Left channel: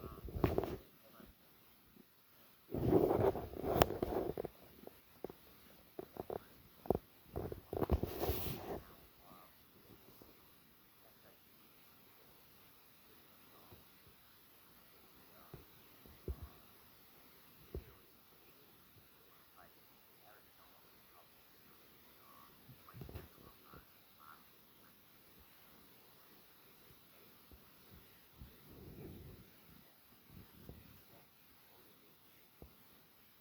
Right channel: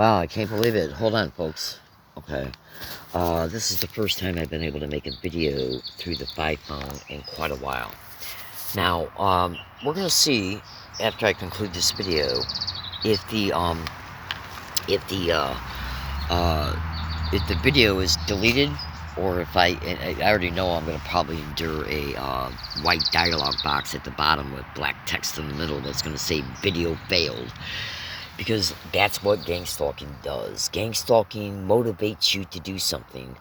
Wow, I can't believe it. Hold on, folks. Okay. This is the first time I've been able to make a video through the iPhone in quite a while. Now, we're gonna see after I conclude this video if the if the uh, uh, if the video is deleted or if I already know I'm gonna probably endure a white dialog box at the bottom with black text in the middle that's gonna say video failed. Because that's what gang stalking does. Gang stalking motivates you to do something.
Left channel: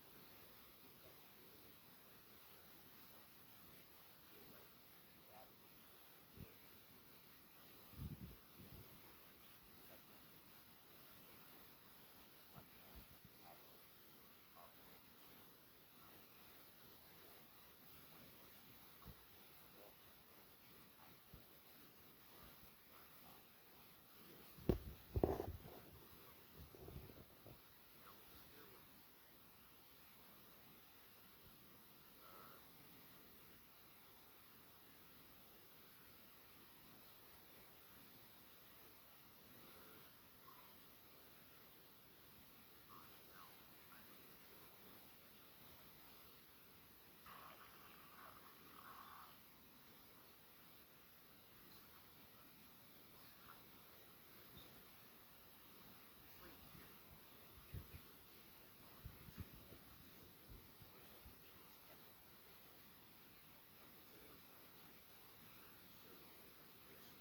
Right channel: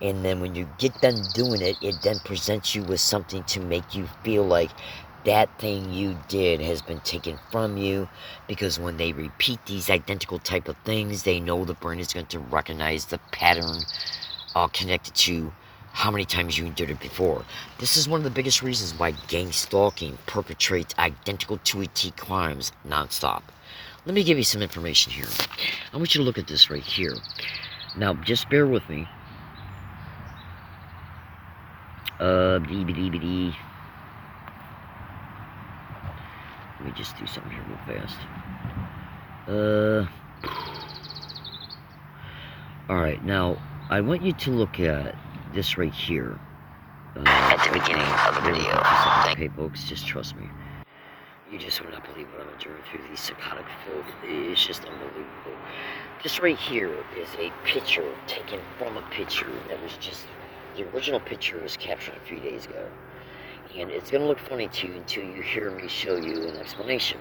And then when you get done doing it, it then presents you with something to make you feel like that thing you did has been taken from you. Because when they repeat these identical type of things, they know the brain is going to recognize the pattern connected to how many times you did it before. This is one of the biggest reasons why gang stalking perpetrates identical to a T crimes nonstop. Let me give you some information here. I want you to look at this right here. Now, just bear with me. Let me just do something here real fast. Alright, now, I want you to look at this right here. At the beginning of the video. Okay, folks, just trust me. You just would not believe what I'm enduring through these psychotic filth. It's just unbelievable. This right here is a picture taken from a picture that was just... The original picture was captured a few days ago. And it's going to look funny to you until you hear me show you an explanation.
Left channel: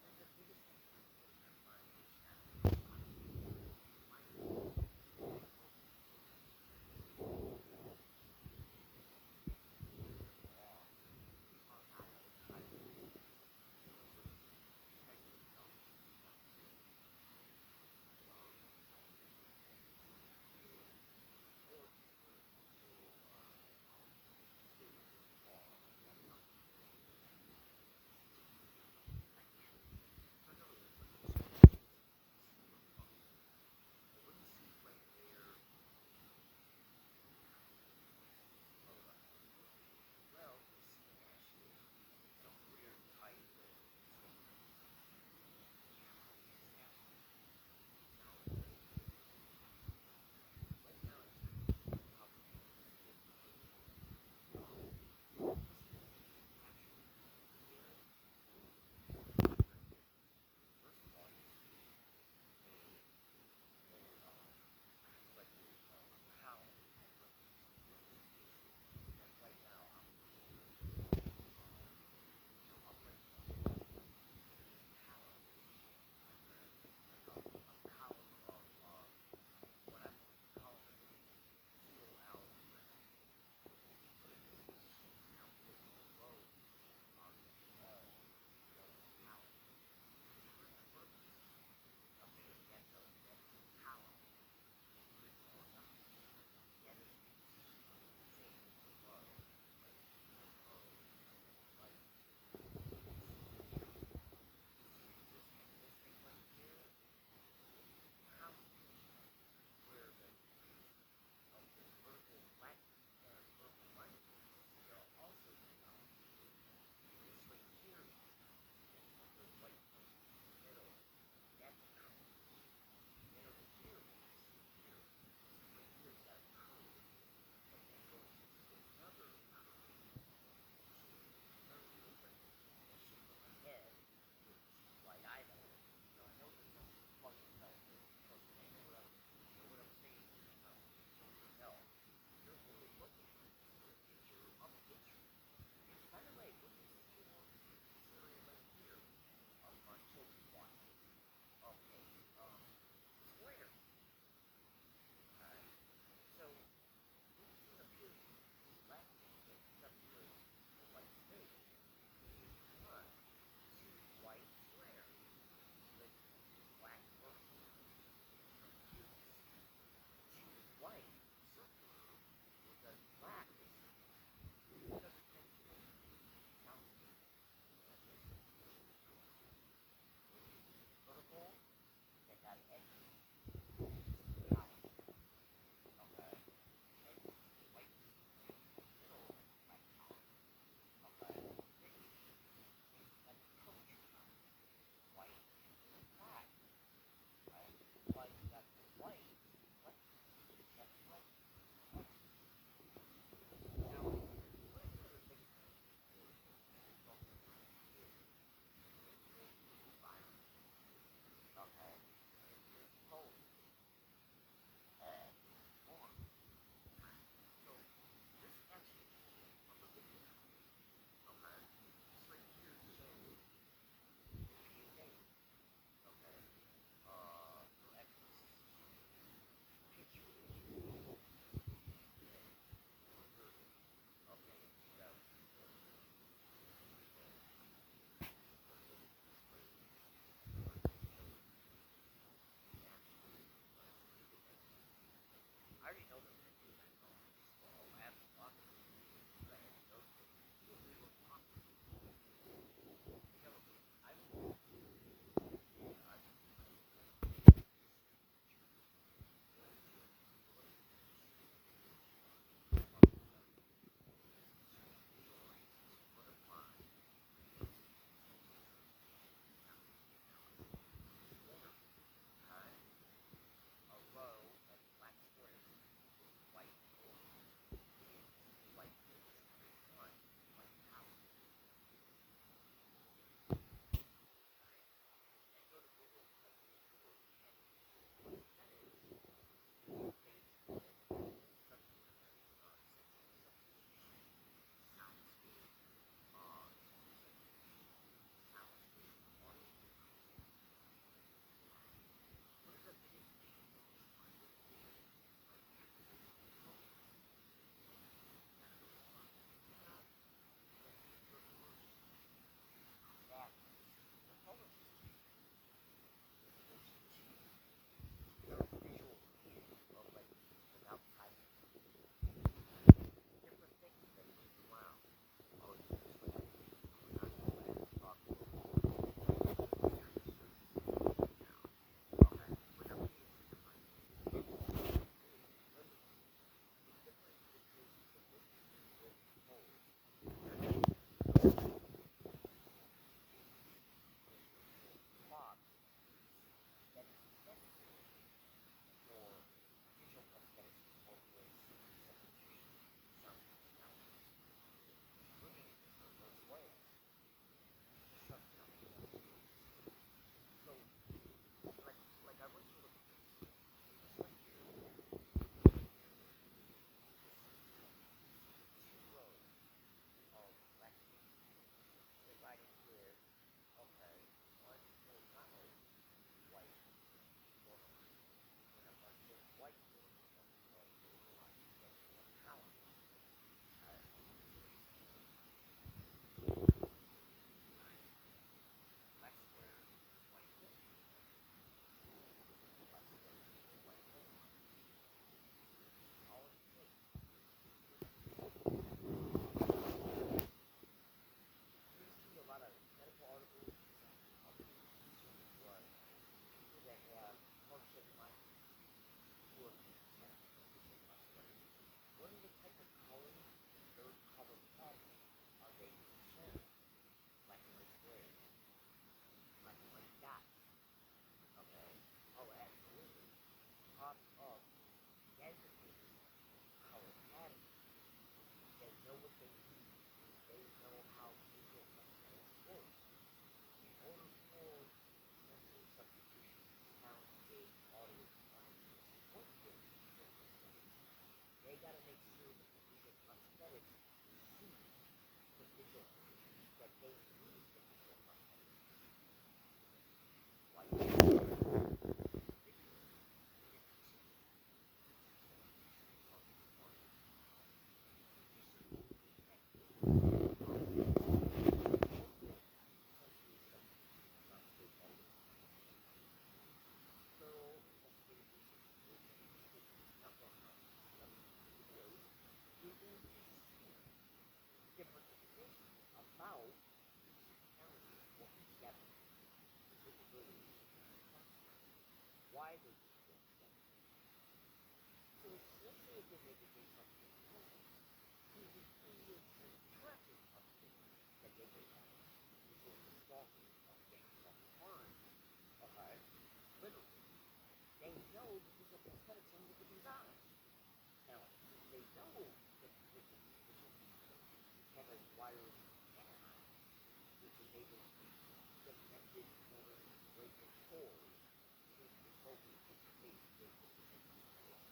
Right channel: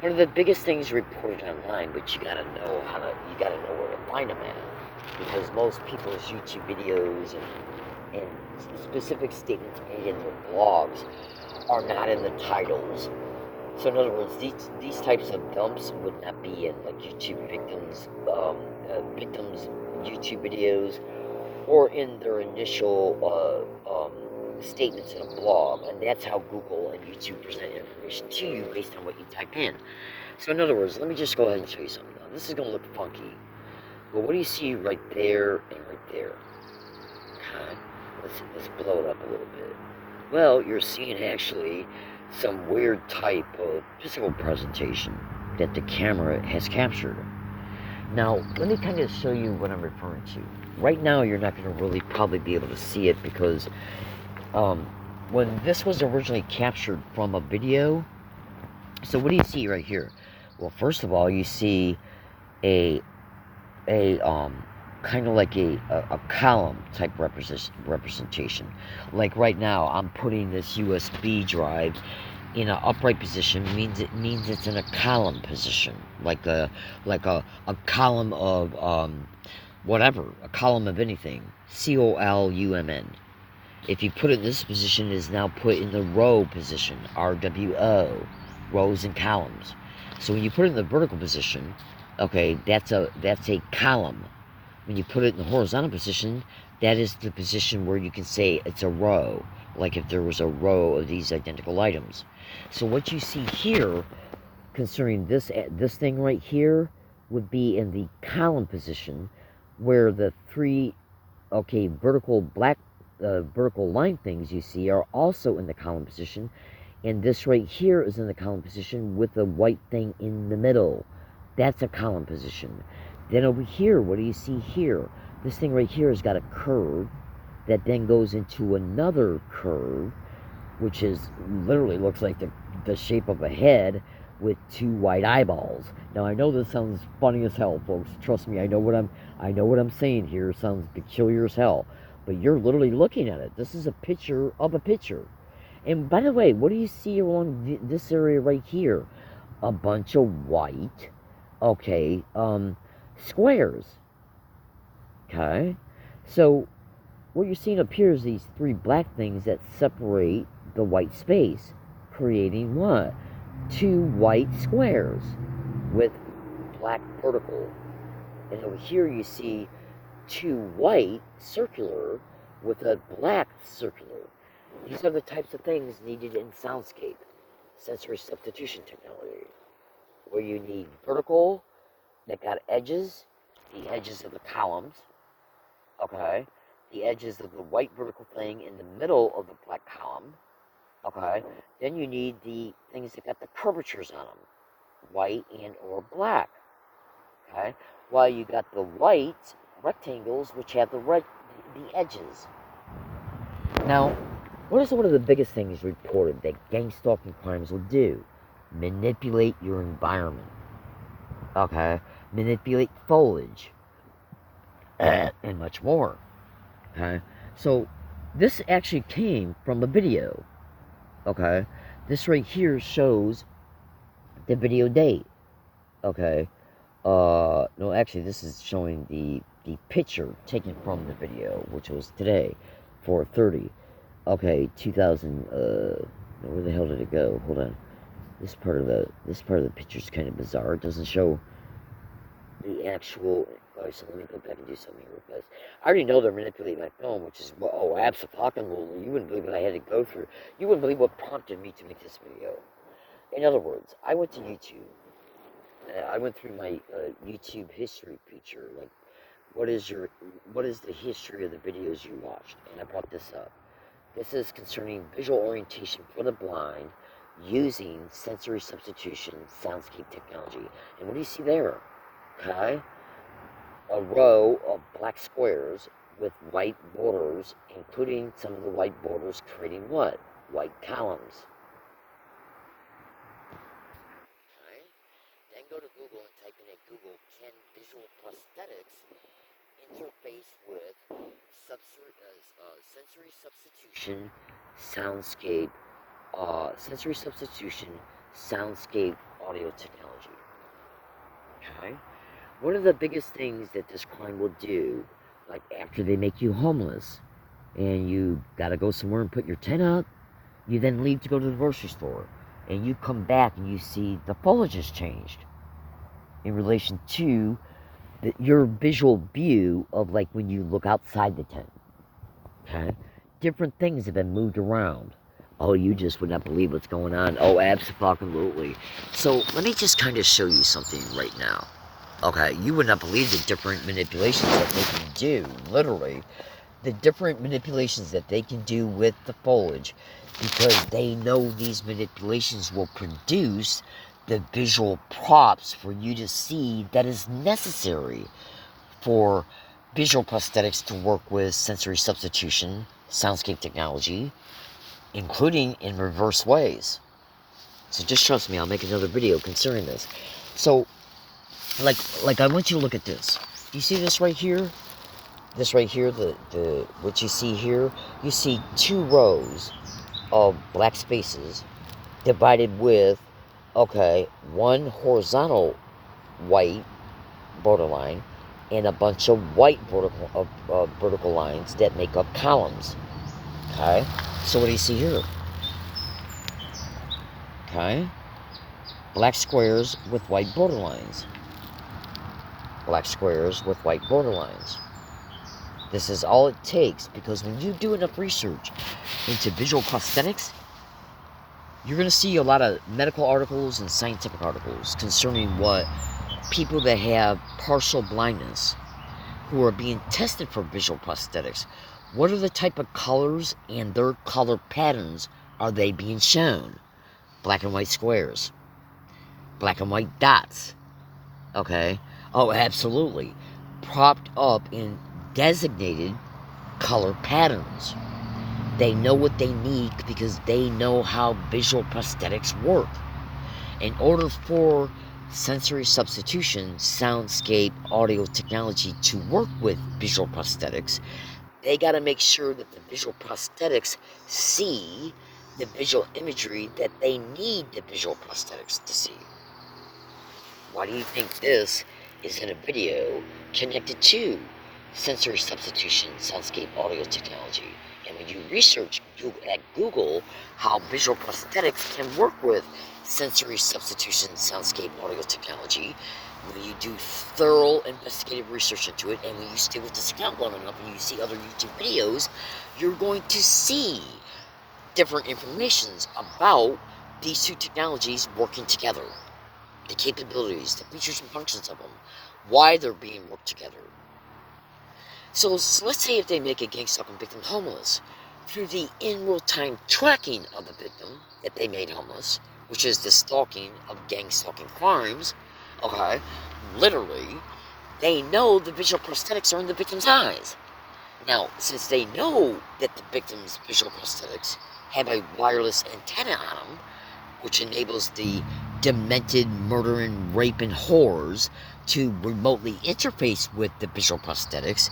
One of the biggest things reported online, but you gotta know where to find them at. Because most people's YouTube videos and specific statements made in their blogs are not in the titles. So in other words, these types of dumps would not be in like YouTube victims YouTube videos or in their initial statements in a blog, and that's how Google and YouTube present information to you based on what you type in. So in other words, let me just go ahead and show you something. Now, this is going to look funky, but what do you see right there and right there? Okay, let's blow it up a little bit. Well, you're seeing actually some weird type of physical presentation that the camera has captured. Now, let me kind of show you what I'm referring to. Right now, you're not going to really probably be able to see it because when this was originally captured from a video, so what do you see right here? Well, first of all, you see a kind of like a column type representation. Like right now, I'm putting this USB drive in an upright position. Means it's in a column position, like a column of whatever, a column of anything. COLUMN. If you put it in this position, it is now put in the row position. RWO, rows and columns. So when you put it in the vertical position, okay, that's a column. When you put it in the horizontal position, that is the position where you can say it's a row, like if there was a row of these identical items. So what you see here, concerning this thing right here, would be in the column position, where the three, okay, vertical line things you see are also in the column position, and this right here is in the column position with the white thing in the middle. That's a column position. Then over here, what do you see here? This thing right here has got a curve that then goes into another curve, which is literally looks like the shape of a head with two white eyeballs. Now I know this sounds funny as hell, folks. Trust me, I know what I'm saying here. It sounds peculiar as hell, but you're literally looking at it. This is a picture of a picture. And by the way, what do you see along this area right here? A bunch of white, okay, squares. Okay, so what you're seeing up here is these three black things that separate the white space, creating what? Two white squares with black vertical. And over here you see two white circular with a black circular. These are the types of things needed in soundscape, sensory substitution technology, where you need vertical that got edges, the edges of the columns, okay, the edges of the white vertical thing in the middle of the black column, okay, then you need the things that got the curvatures on them, white and or black, okay. while you got the white rectangles, which have the edges. Now, what is one of the biggest things reported that gang stalking crimes will do? Manipulate your environment. Okay? Manipulate foliage. And much more. Okay? So, this actually came from a video. Okay? This right here shows the video date. Okay? No, actually, this is showing the picture taken from the video, which was today, 4:30. Okay, 2000. Where the hell did it go? Hold on. This part of the picture is kind of bizarre. It doesn't show the actual. Oh, so let me go back and do something real fast. I already know they're manipulating my phone, which is absolutely. You wouldn't believe what I had to go through. You wouldn't believe what prompted me to make this video. In other words, I went to YouTube. I went through my YouTube history feature, like what is the history of the videos you watched, and I brought this up. This is concerning visual orientation for the blind using sensory substitution soundscape technology. And what do you see there? Okay, a row of black squares with white borders, including some of the white borders creating what? White columns. Then go to Google and type in at Google, can visual prosthetics interface with sensory substitution soundscape audio technology? Okay. One of the biggest things that this crime will do, like after they make you homeless and you gotta go somewhere and put your tent up, you then leave to go to the grocery store and you come back and you see the foliage has changed in relation to your visual view of like when you look outside the tent. Okay? Different things have been moved around. Oh, you just would not believe what's going on. Oh, absolutely. So let me just kind of show you something right now. Okay, you would not believe the different manipulations that they can do, literally. The different manipulations that they can do with the foliage because they know these manipulations will produce the visual props for you to see that is necessary for visual prosthetics to work with sensory substitution, soundscape technology, including in reverse ways. So just trust me, I'll make another video concerning this. So, like I want you to look at this. Do you see this right here? This right here, the what you see here, you see two rows of black spaces divided with, okay, one horizontal white borderline and a bunch of white vertical lines that make up columns. Okay, so what do you see here? Okay, black squares with white borderlines. Black squares with white borderlines. This is all it takes because when you do enough research into visual prosthetics, you're going to see a lot of medical articles and scientific articles concerning what people that have partial blindness who are being tested for visual prosthetics, what are the type of colors and their color patterns are they being shown? Black and white squares, black and white dots, okay? Oh, absolutely. Propped up in designated color patterns. They know what they need because they know how visual prosthetics work. In order for sensory substitution, soundscape, audio technology to work with visual prosthetics, they got to make sure that the visual prosthetics see the visual imagery that they need the visual prosthetics to see. Why do you think this is in a video connected to sensory substitution, soundscape, audio technology? And when you research at Google how visual prosthetics can work with sensory substitution, soundscape, audio technology, when you do thorough investigative research into it, and when you stay with this account long enough and you see other YouTube videos, you're going to see different informations about these two technologies working together. The capabilities, the features and functions of them, why they're being worked together. So let's say if they make a gang stalking victim homeless, through the in-real time tracking of the victim that they made homeless, which is the stalking of gang stalking crimes, okay, literally, they know the visual prosthetics are in the victim's eyes. Now, since they know that the victim's visual prosthetics have a wireless antenna on them, which enables the demented murdering, raping whores to remotely interface with the visual prosthetics,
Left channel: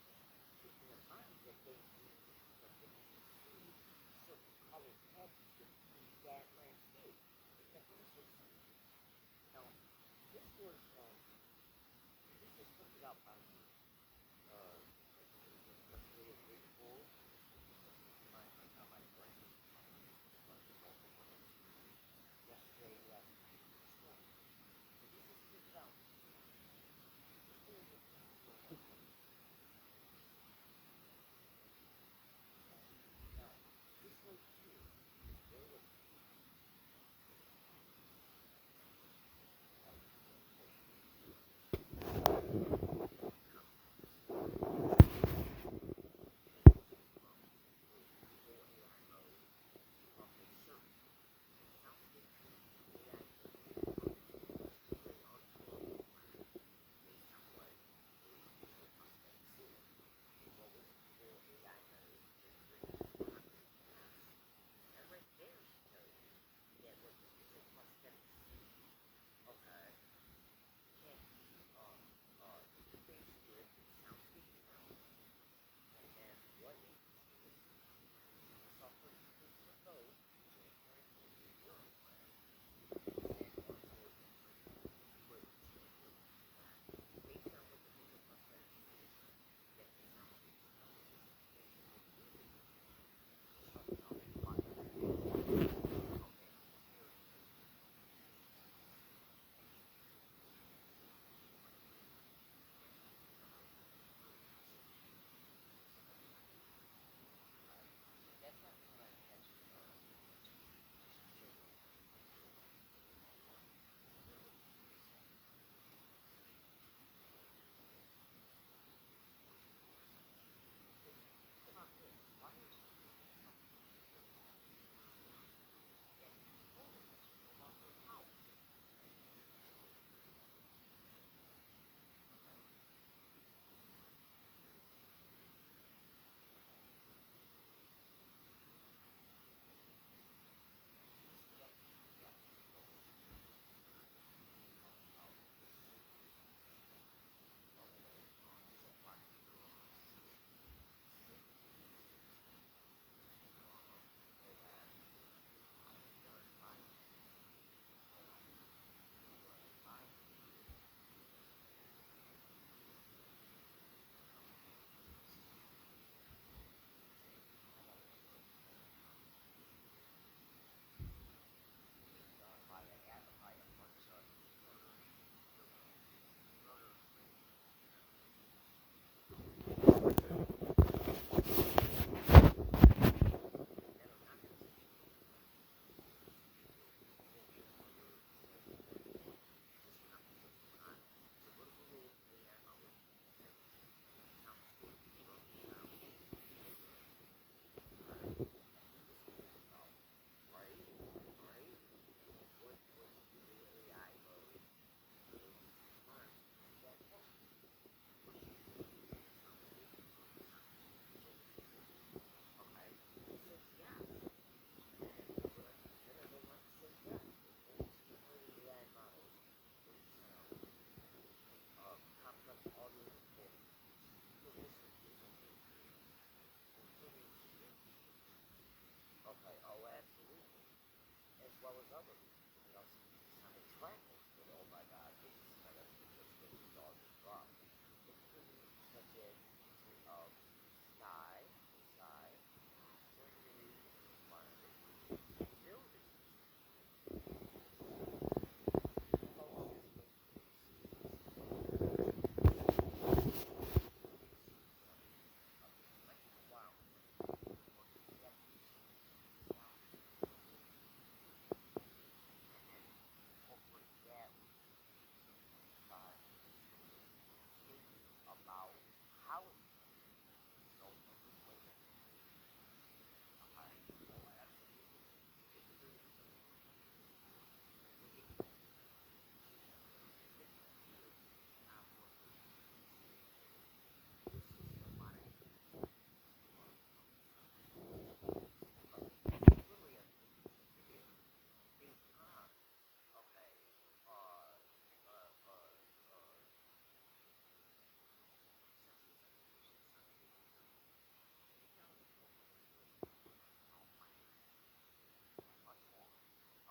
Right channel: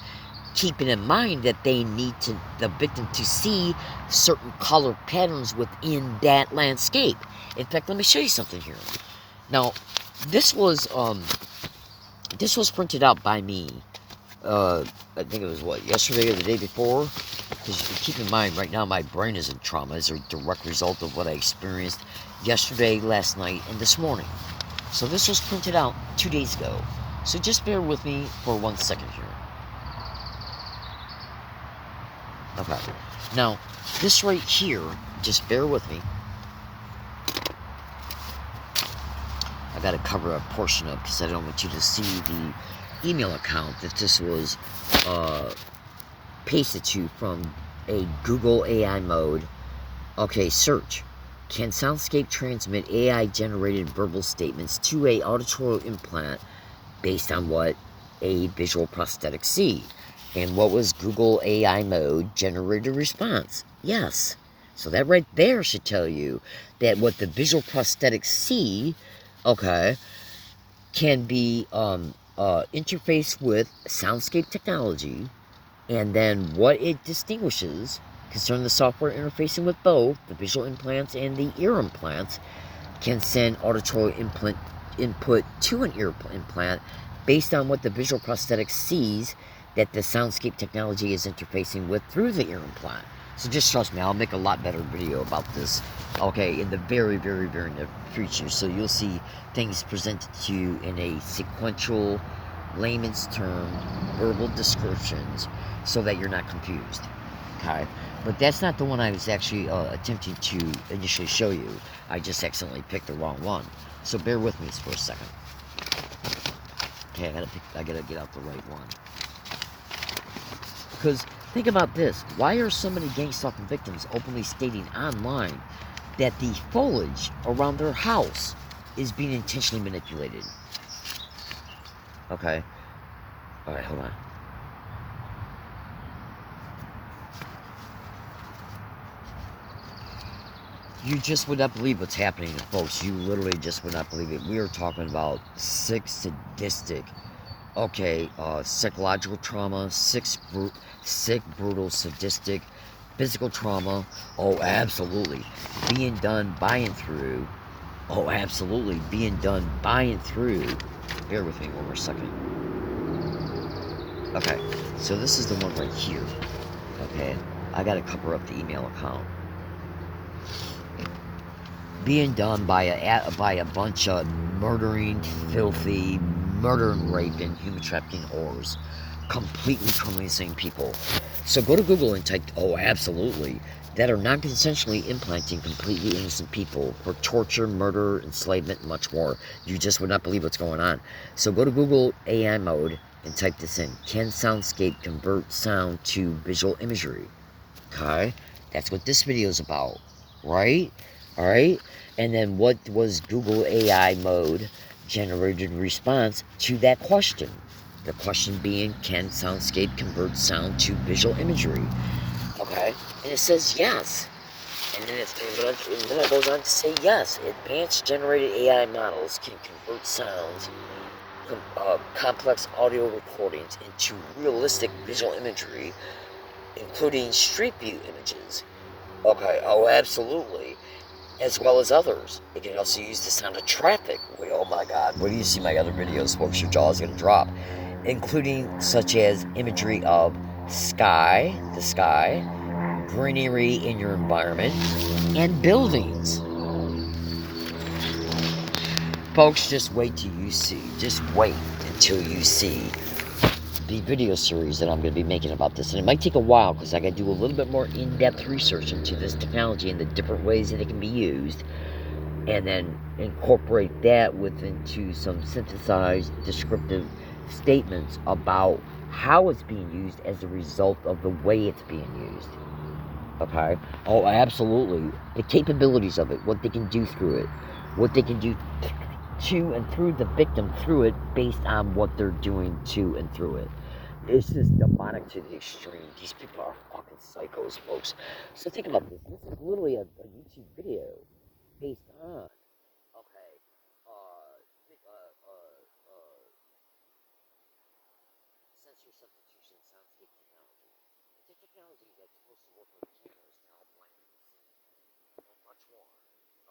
keeping in mind that they need the victim to see certain color patterns within that landscape. In fact, let me show you something here. Now, this was printed out by me. I think it was yesterday or the day before. Because keep in mind, right now my brain is in trauma as a direct result of what I experienced yesterday, last night, and this morning. So this was printed out 2 days ago. So just bear with me for 1 second here. Okay. Now, this right here, just bear with me. I gotta cover a portion up because I don't want you to see the email account that this was pasted to from a Google AI mode. Okay, search. Can Soundscape transmit AI-generated verbal statements to a auditory implant based on what a visual prosthetic see? And what was Google AI mode generated response? Yes. So that right there should tell you that what the visual prosthetics see, okay, can be interfaced with Soundscape technology, and then what it distinguishes concerning the software interfacing with both the visual implants and the ear implants can send auditory input to an ear implant based on what the visual prosthetic sees that the Soundscape technology is interfacing with through the ear implant. So just trust me, I'll make a lot better video about this, okay, in the very, very, very near future. So you'll see things presented to you in a sequential, layman's term, verbal descriptions so that you're not confused, okay? But that's not the one I was actually attempting to initially show you. I just accidentally picked the wrong one. So bear with me for a second. Okay, I gotta get out the right one. Because think about this. Why are so many gang stalking victims openly stating online that the foliage around their house is being intentionally manipulated? Okay. Alright, hold on. You just would not believe what's happening, folks. You literally just would not believe it. We are talking about sick, sadistic, psychological trauma, sick, brutal, sadistic, physical trauma. Oh, absolutely. Being done by and through. Oh, absolutely. Being done by and through. Bear with me one more second. Okay, so this is the one right here. Okay, I gotta cover up the email account. Being done by a bunch of murdering, filthy, murdering, raping, human trafficking whores. Completely criminally insane people. So go to Google and type, oh, absolutely, that are non-consensually implanting completely innocent people for torture, murder, enslavement, and much more. You just would not believe what's going on. So go to Google AI mode and type this in. Can Soundscape convert sound to visual imagery? Okay? That's what this video is about, right? All right, and then what was Google AI mode generated response to that question? The question being, can Soundscape convert sound to visual imagery? Okay, and it says yes. And then it goes on to say yes. Advanced generated AI models can convert sounds, complex audio recordings into realistic visual imagery, including street view images. Okay, oh, absolutely. As well as others. It can also use the sound of traffic. Wait, oh my god, when you see my other videos, folks, your jaw is going to drop. Including such as imagery of the sky, greenery in your environment, and buildings. Folks, just wait till you see. Just wait until you see the video series that I'm going to be making about this. And it might take a while because I got to do a little bit more in-depth research into this technology and the different ways that it can be used, and then incorporate that into some synthesized descriptive statements about how it's being used as a result of the way it's being used. Okay? Oh, absolutely. The capabilities of it, what they can do through it, what they can do to and through the victim through it based on what they're doing to and through it. It's just demonic to the extreme. These people are fucking psychos, folks. So think about this. This is literally a YouTube video based on, okay, sensory substitution soundscape technology. It's a technology that's supposed to work with cameras called blindness. Not much more.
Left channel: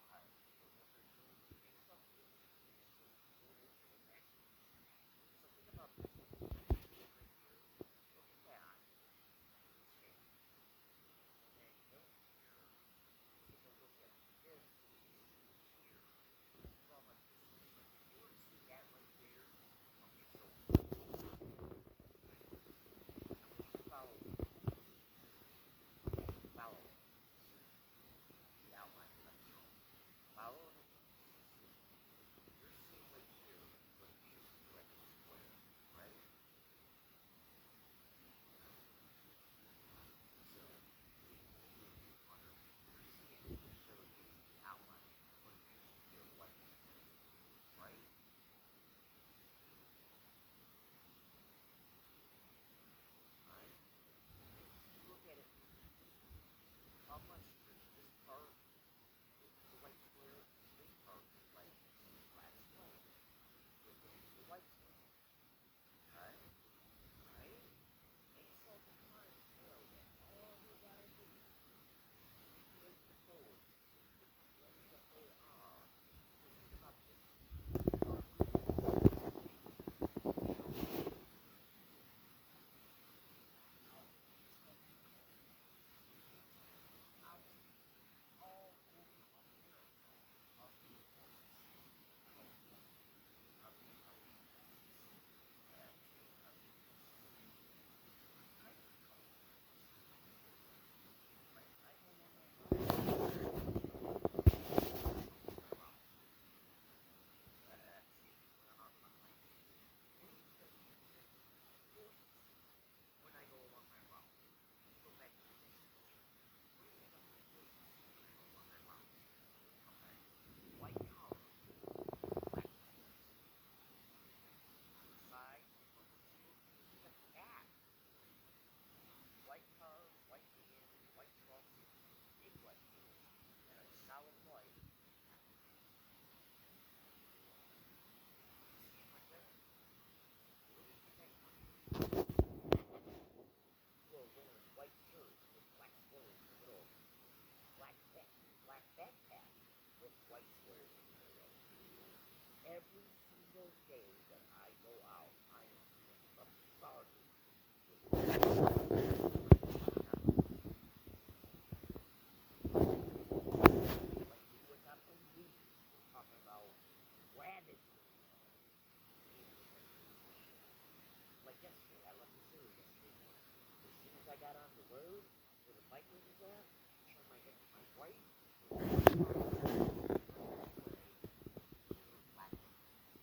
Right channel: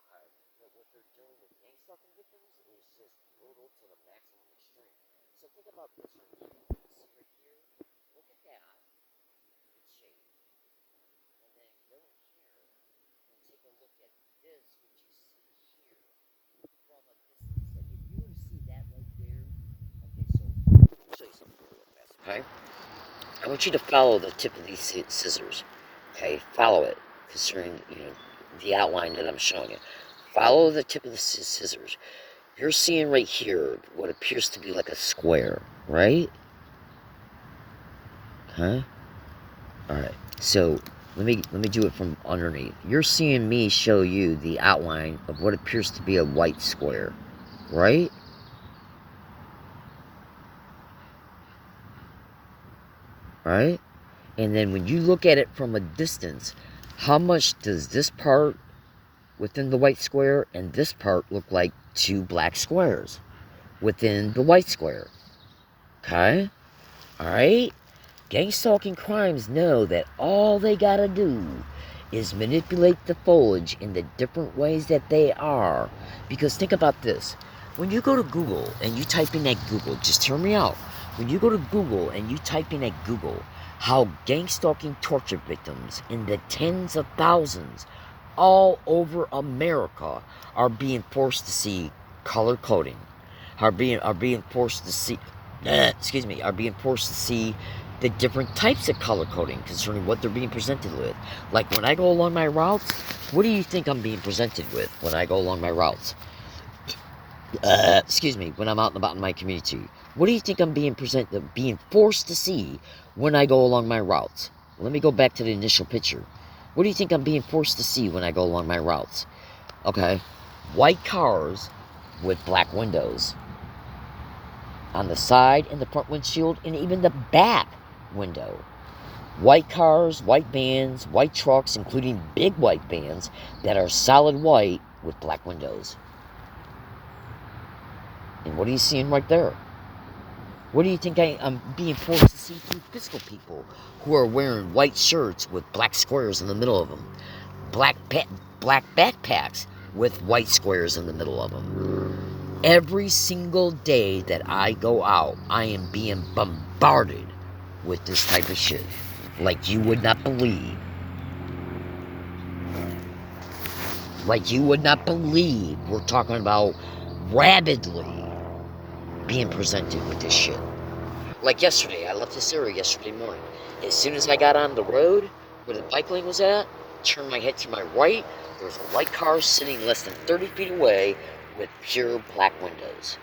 Okay. But what they're doing with gang stalking victims is just brutal to the maximum extreme. So think about this right here. This right here. Look at that in shape. And then go in here and take a look at this, what you see here from a distance. Like if you were to see that right there. Okay, so let me show you something real fast. Okay. I want you to follow the tip of these scissors. Okay, follow it concerning the outline that I'm showing you. Follow the tip of the scissors. You're seeing right here what appears to be like a square, right? Huh? All right. So let me do it from underneath. You're seeing me show you the outline of what appears to be a white square, right? Right? And then when you look at it from a distance, how much does this part within the white square and this part look like two black squares within the white square? Okay? Alright? Gang stalking crimes know that all they gotta do is manipulate the foliage in the different ways that they are. Because think about this. When you go to Google and you type in at Google, just hear me out. When you go to Google and you type in at Google how gang stalking torture victims in the tens of thousands all over America are being forced to see color coding, are being forced to see are being forced to see the different types of color coding concerning what they're being presented with. Like when I go along my routes, what do you think I'm being presented with when I go along my routes? When I'm out and about in my community, what do you think I'm being forced to see when I go along my routes? Let me go back to the initial picture. What do you think I'm being forced to see when I go along my routes? Okay, white cars with black windows on the side and the front windshield and even the back window. White cars, white vans, white trucks, including big white vans that are solid white with black windows. And what are you seeing right there? What do you think I'm being forced to see through physical people who are wearing white shirts with black squares in the middle of them? Black backpacks with white squares in the middle of them. Every single day that I go out, I am being bombarded with this type of shit. Like you would not believe. Like you would not believe we're talking about rabidly being presented with this shit. Like yesterday, I left this area yesterday morning. As soon as I got on the road where the bike lane was at, turned my head to my right, there was a white car sitting less than 30 feet away with pure black windows.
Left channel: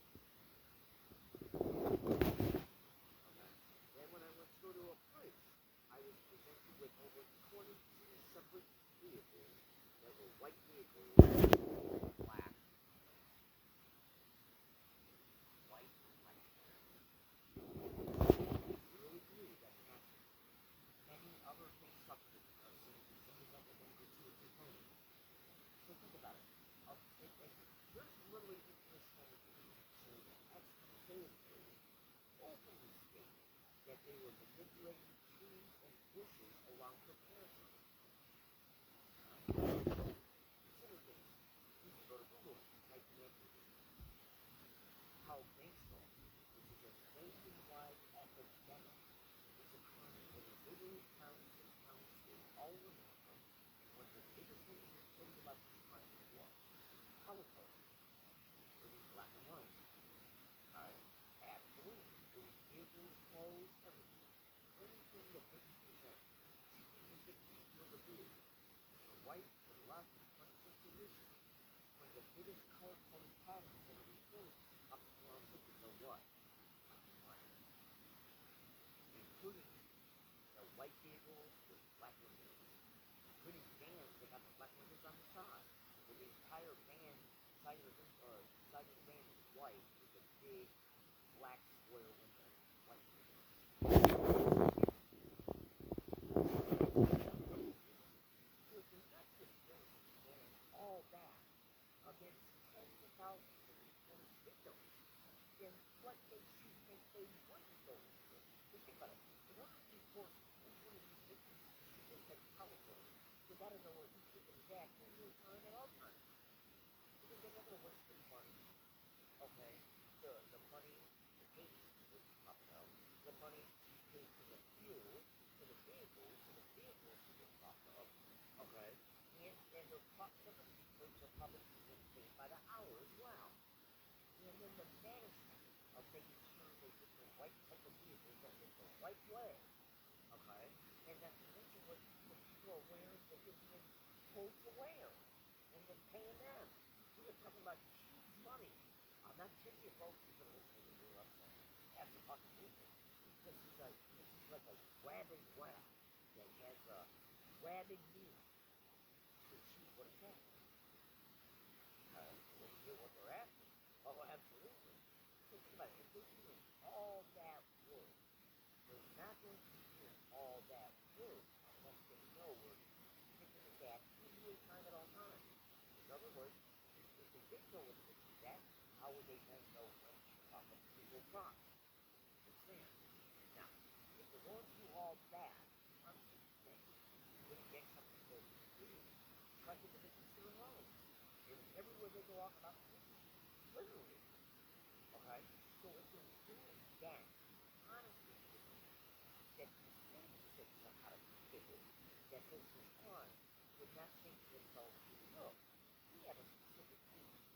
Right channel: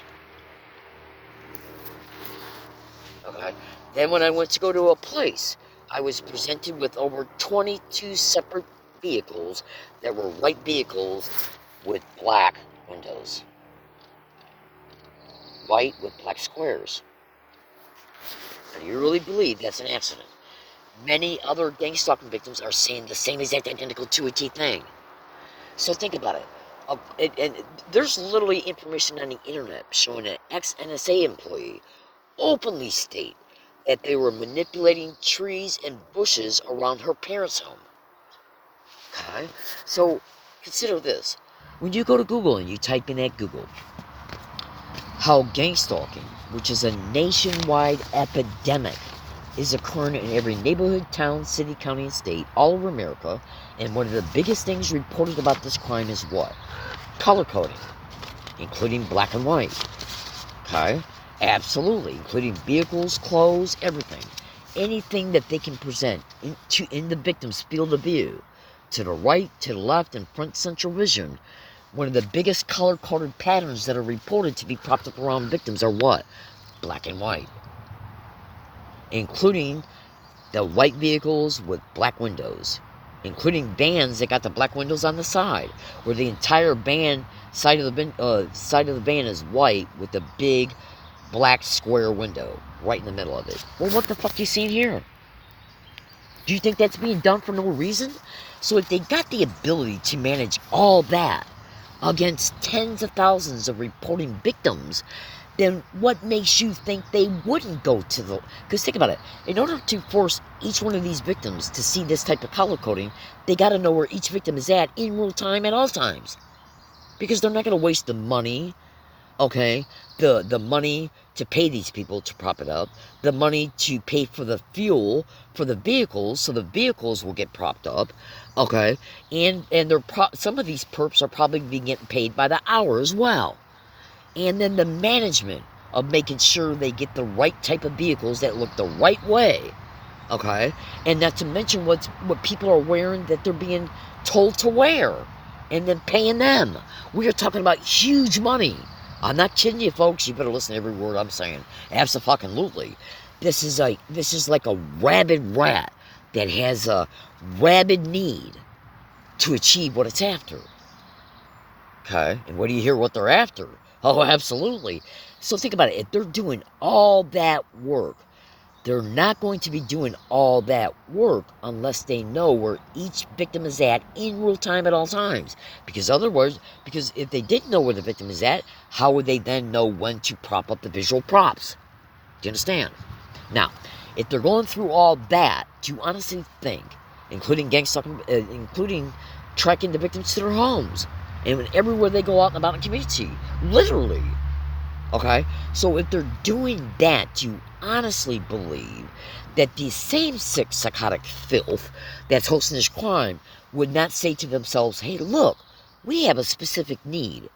Okay. Then when I went to go to a place, I was presented with over 22 separate vehicles that were white vehicles with black windows. White with black squares. Do you really believe that's an accident? Many other gang stalking victims are saying the same exact identical 2 a T thing. So think about it. And there's literally information on the internet showing an ex-NSA employee openly state that they were manipulating trees and bushes around her parents' home. Okay? So consider this. When you go to Google and you type in at Google how gang stalking, which is a nationwide epidemic, is occurring in every neighborhood, town, city, county, and state all over America, and one of the biggest things reported about this crime is what? Color coding, including black and white. Okay? Absolutely, including vehicles, clothes, everything. Anything that they can present in the victim's field of view, to the right, to the left, and front central vision. One of the biggest color-coded patterns that are reported to be propped up around victims are what? Black and white. Including the white vehicles with black windows. including vans that got the black windows on the side, where the entire van side of the van is white with a big black square window right in the middle of it. Well, what the fuck you seeing here? Do you think that's being done for no reason? So if they got the ability to manage all that against tens of thousands of reporting victims, then what makes you think they wouldn't go to the... Because think about it. In order to force each one of these victims to see this type of color coding, they got to know where each victim is at in real time at all times. Because they're not going to waste the money, okay? The money to pay these people to prop it up, the money to pay for the fuel for the vehicles, so the vehicles will get propped up, okay? And some of these perps are probably getting paid by the hour as well. And then the management of making sure they get the right type of vehicles that look the right way, okay? And not to mention what people are wearing that they're being told to wear, and then paying them. We are talking about huge money. I'm not kidding you, folks. You better listen to every word I'm saying. Absolutely. This is like a rabid rat that has a rabid need to achieve what it's after. Okay? And what do you hear what they're after? Oh, absolutely. So think about it. If they're doing all that work, they're not going to be doing all that work unless they know where each victim is at in real time at all times. Because if they didn't know where the victim is at, how would they then know when to prop up the visual props? Do you understand? Now, if they're going through all that, do you honestly think, including including tracking the victims to their homes, and everywhere they go out and about in the community, literally, okay? So if they're doing that, do you honestly believe that the same sick, psychotic filth that's hosting this crime would not say to themselves, hey, look, we have a specific need,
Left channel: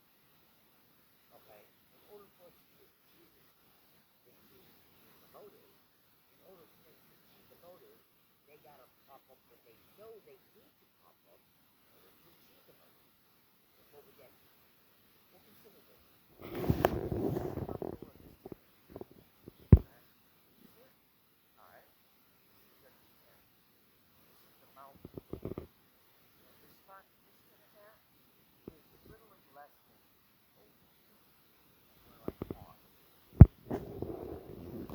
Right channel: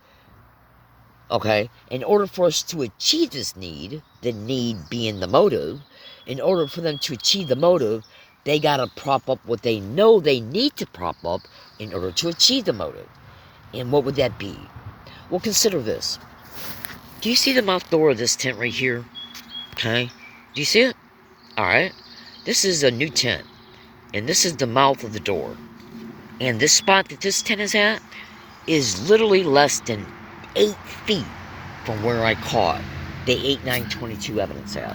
okay? In order for us to achieve this need, the need being the motive, in order for them to achieve the motive, they got to prop up what they know they need to prop up in order to achieve the motive. And what would that be? Well, consider this. Do you see the mouth door of this tent right here? Okay? Do you see it? Alright. This is a new tent. And this is the mouth of the door. And this spot that this tent is at is literally less than 8 feet from where I caught the 8/9/22 evidence at.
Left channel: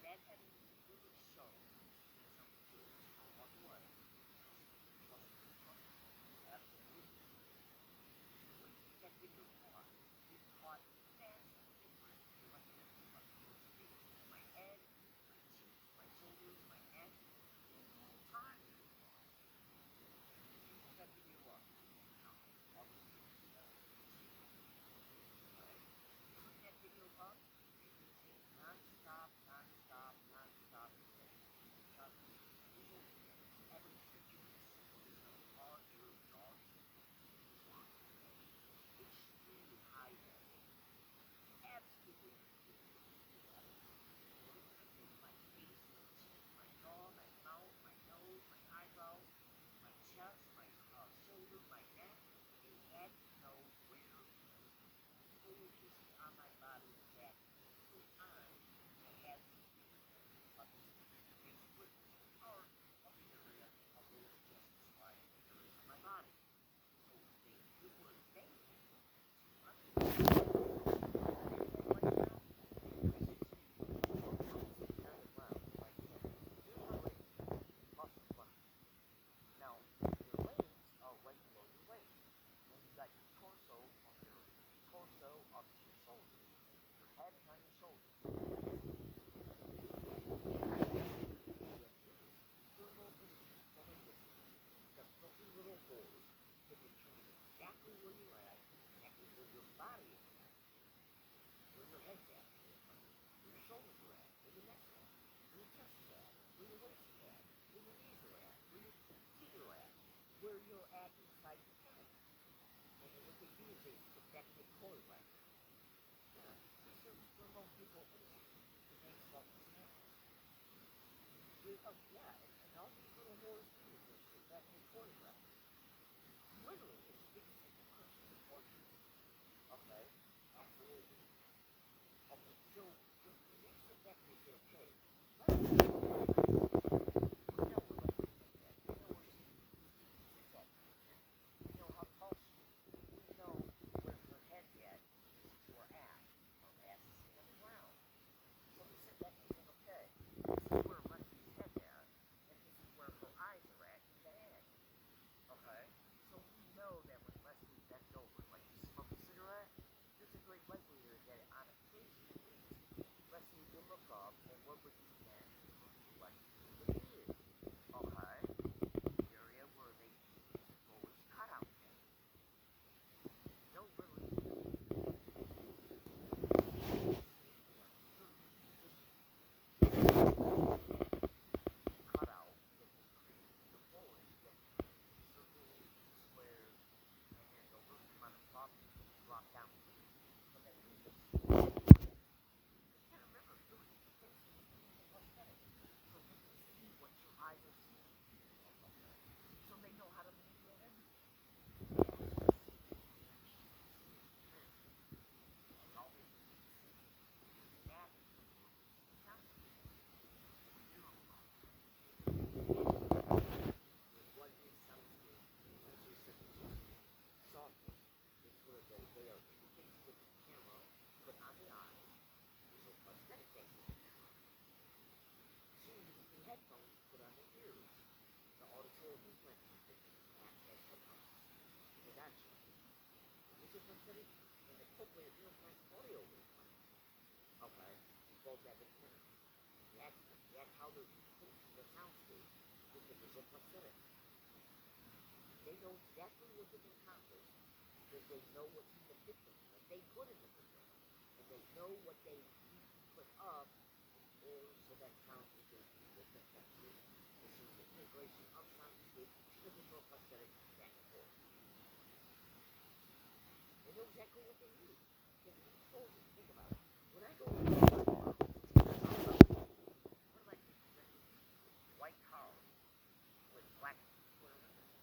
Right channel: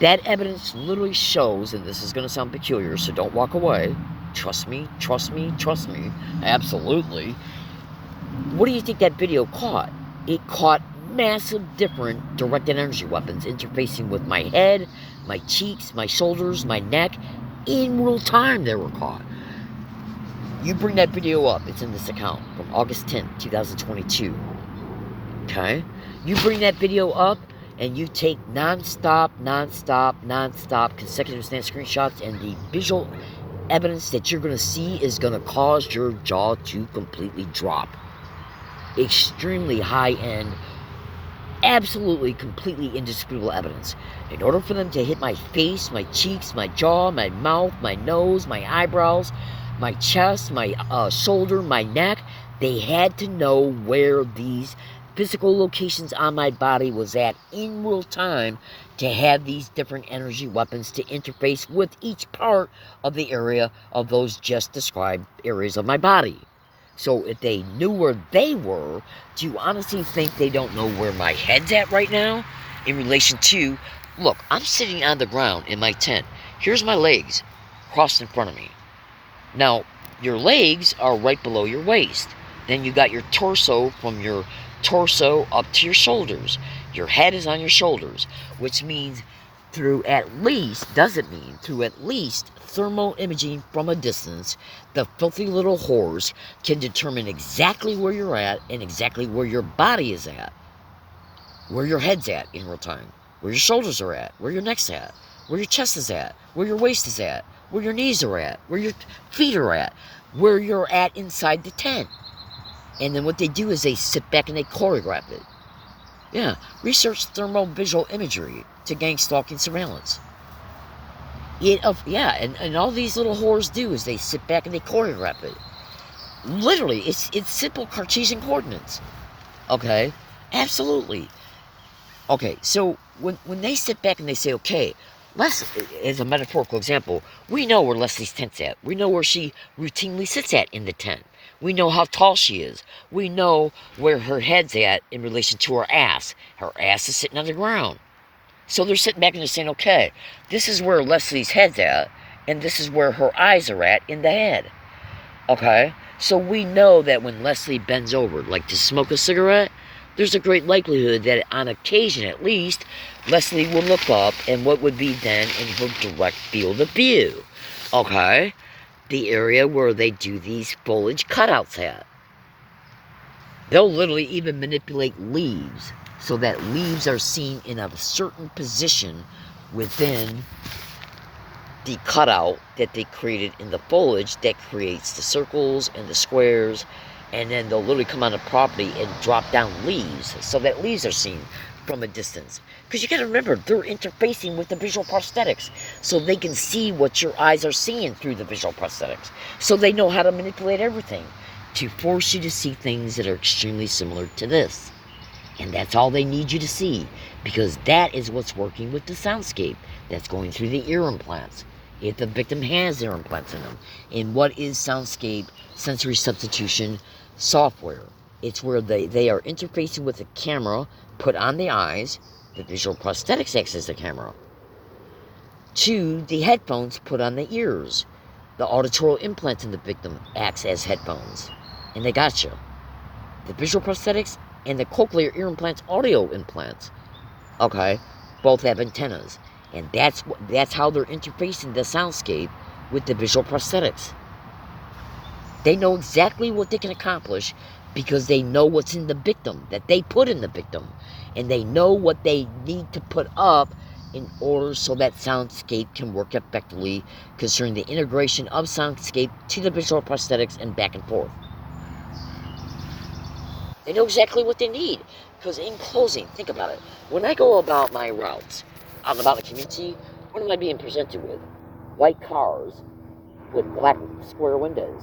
That evidence literally shows, and this is going to sound peculiar, so don't walk away. Trust me, trust me, trust me. Absolutely. What do you think that video caught? It caught massive different directed energy weapons interfacing with my head, my cheeks, my shoulders, my neck. In real time they were caught. You bring that video up. It's in this account from August 10th, 2022. Okay? You bring that video up and you take non-stop consecutive snap screenshots, and the visual evidence that you're going to see is going to cause your jaw to completely drop. Extremely high-end, absolutely, completely indisputable evidence. In order for them to hit my face, my cheeks, my jaw, my mouth, my nose, my eyebrows, my chest, my shoulder, my neck, they had to know where these physical locations on my body was at in real time to have these different energy weapons to interface with each part of the area of those just described areas of my body. So if they knew where they were, do you honestly think they don't know where my head's at right now? In relation to, look, I'm sitting on the ground in my tent. Here's my legs crossed in front of me. Now, your legs are right below your waist. Then you got your torso, from your torso up to your shoulders. Your head is on your shoulders, which means through at least thermal imaging from a distance, the filthy little whores can determine exactly where you're at and exactly where your body is at, where your head's at in real time, where your shoulders are at, where your neck's at, where your chest is at, where your waist is at, where your knees are at, where your feet are at, where you're at inside the tent. And then what they do is they sit back and they choreograph it. Yeah, research thermal visual imagery to gang stalking surveillance. And all these little whores do is they sit back and they choreograph it. Literally, it's simple Cartesian coordinates. Okay? Absolutely. Okay, so when they sit back and they say, okay, as a metaphorical example, we know where Leslie's tent's at. We know where she routinely sits at in the tent. We know how tall she is. We know where her head's at in relation to her ass. Her ass is sitting on the ground. So they're sitting back and they're saying, okay, this is where Leslie's head's at, and this is where her eyes are at in the head. Okay? So we know that when Leslie bends over, like to smoke a cigarette, there's a great likelihood that on occasion at least, Leslie will look up and what would be then in her direct field of view. Okay? The area where they do these foliage cutouts at. They'll literally even manipulate leaves so that leaves are seen in a certain position within the cutout that they created in the foliage that creates the circles and the squares, and then they'll literally come on the property and drop down leaves so that leaves are seen from a distance. Because you gotta remember, they're interfacing with the visual prosthetics so they can see what your eyes are seeing through the visual prosthetics. So they know how to manipulate everything to force you to see things that are extremely similar to this. And that's all they need you to see, because that is what's working with the soundscape that's going through the ear implants. If the victim has ear implants in them. And what is soundscape sensory substitution software? It's where they are interfacing with a camera put on the eyes, the visual prosthetics acts as the camera, to the headphones put on the ears. The auditory implants in the victim acts as headphones. And they got you. The visual prosthetics and the cochlear ear implants, audio implants, okay, both have antennas. And that's how they're interfacing the soundscape with the visual prosthetics. They know exactly what they can accomplish because they know what's in the victim, that they put in the victim. And they know what they need to put up in order so that soundscape can work effectively concerning the integration of soundscape to the visual prosthetics and back and forth. They know exactly what they need. Because in closing, think about it. When I go about my routes, out about the community, what am I being presented with? White cars with black square windows.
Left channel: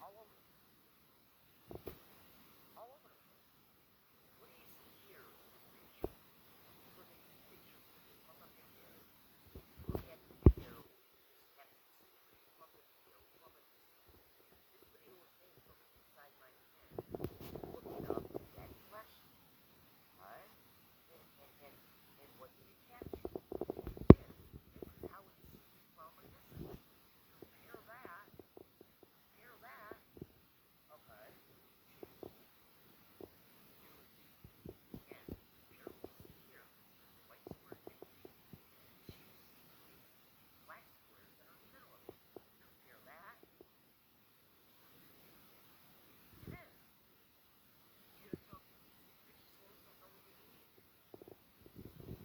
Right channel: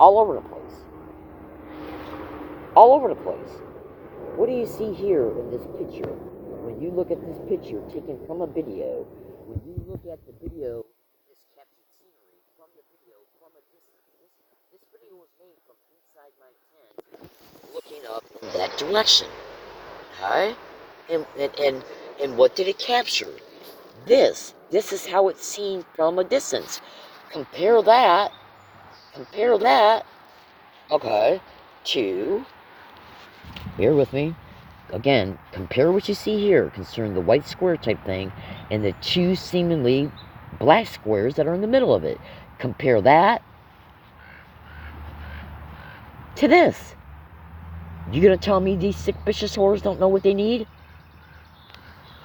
All over the place. All over the place. What do you see here in this picture? When you look at this picture taken from a video, when you look at the video, this captured scenery from the video from a distance, this video was made from inside my tent, looking up in that direction. Okay? And what did it capture? This is how it's seen from a distance. Compare that, okay, to, bear with me, again, compare what you see here concerning the white square type thing and the two seemingly black squares that are in the middle of it. Compare that to this. You gonna tell me these sick, vicious whores don't know what they need?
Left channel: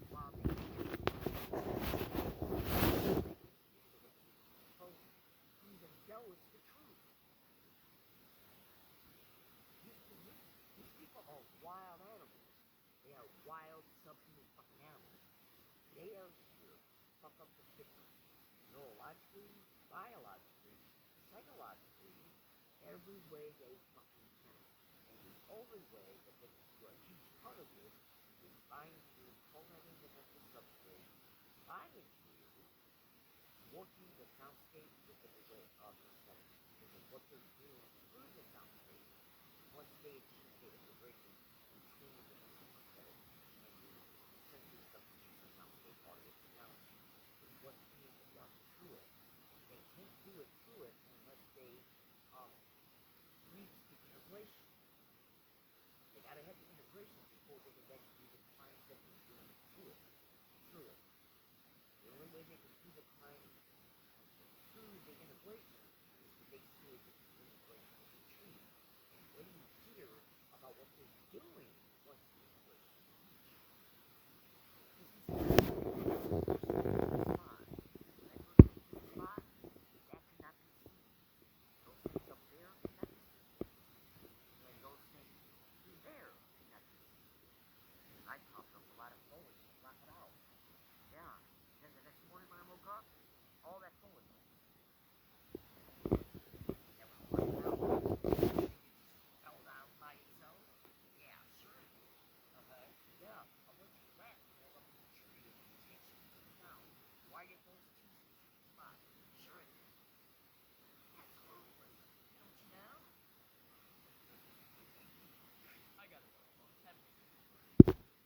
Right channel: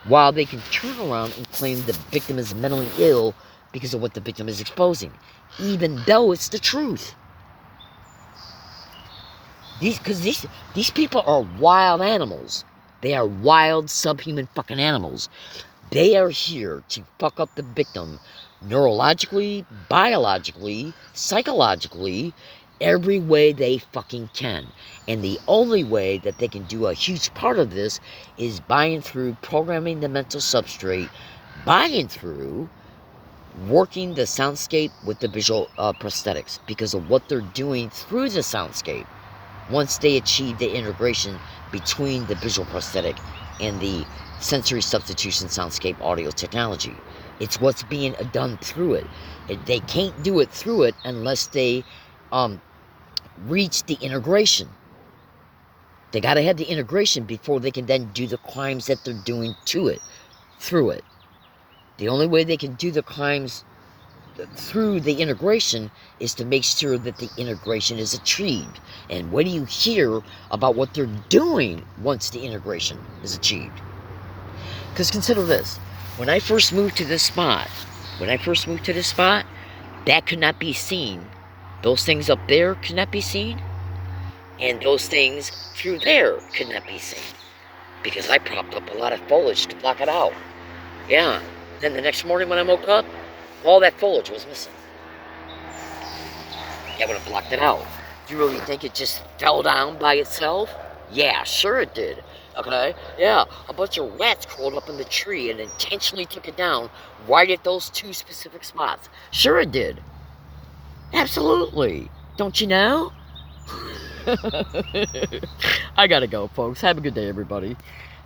While they can turn around and claim the victim is mentally ill because of what the victim is exposing, even though it's the truth. These people are wild animals. They are wild, subhuman fucking animals. They are here to fuck up the victim neurologically, biologically, psychologically, every way they fucking can. And the only way that they can do a huge part of this is by and through programming the mental substrate, by and through working the soundscape with the visual prosthetics, because of what they're doing through the soundscape once they achieve the integration between the visual prosthetic and the sensory substitution soundscape audio technology. It's what's being done through it. They can't do it through it unless they reach the integration. They got to have the integration before they can then do the crimes that they're doing to it, through it. The only way they can do the crimes through the integration is to make sure that the integration is achieved. And what do you hear about what they're doing once the integration is achieved? Because consider this. When I first moved to this spot, that could not be seen. Those things up there could not be seen. And those things through there could not be seen. Because I propped up a lot of foliage to block it out. Yeah. Then the next morning when I woke up, all that foliage was missing. That would have blocked it out. Do you really think it just fell down by itself? Yeah, sure it did. Okay? Yeah, a bunch of rats crawled up in the tree and intentionally took it down right at those two specific spots. Sure it did. Absolutely. Don't you know? I gotta go, folks. Have a good day, everybody.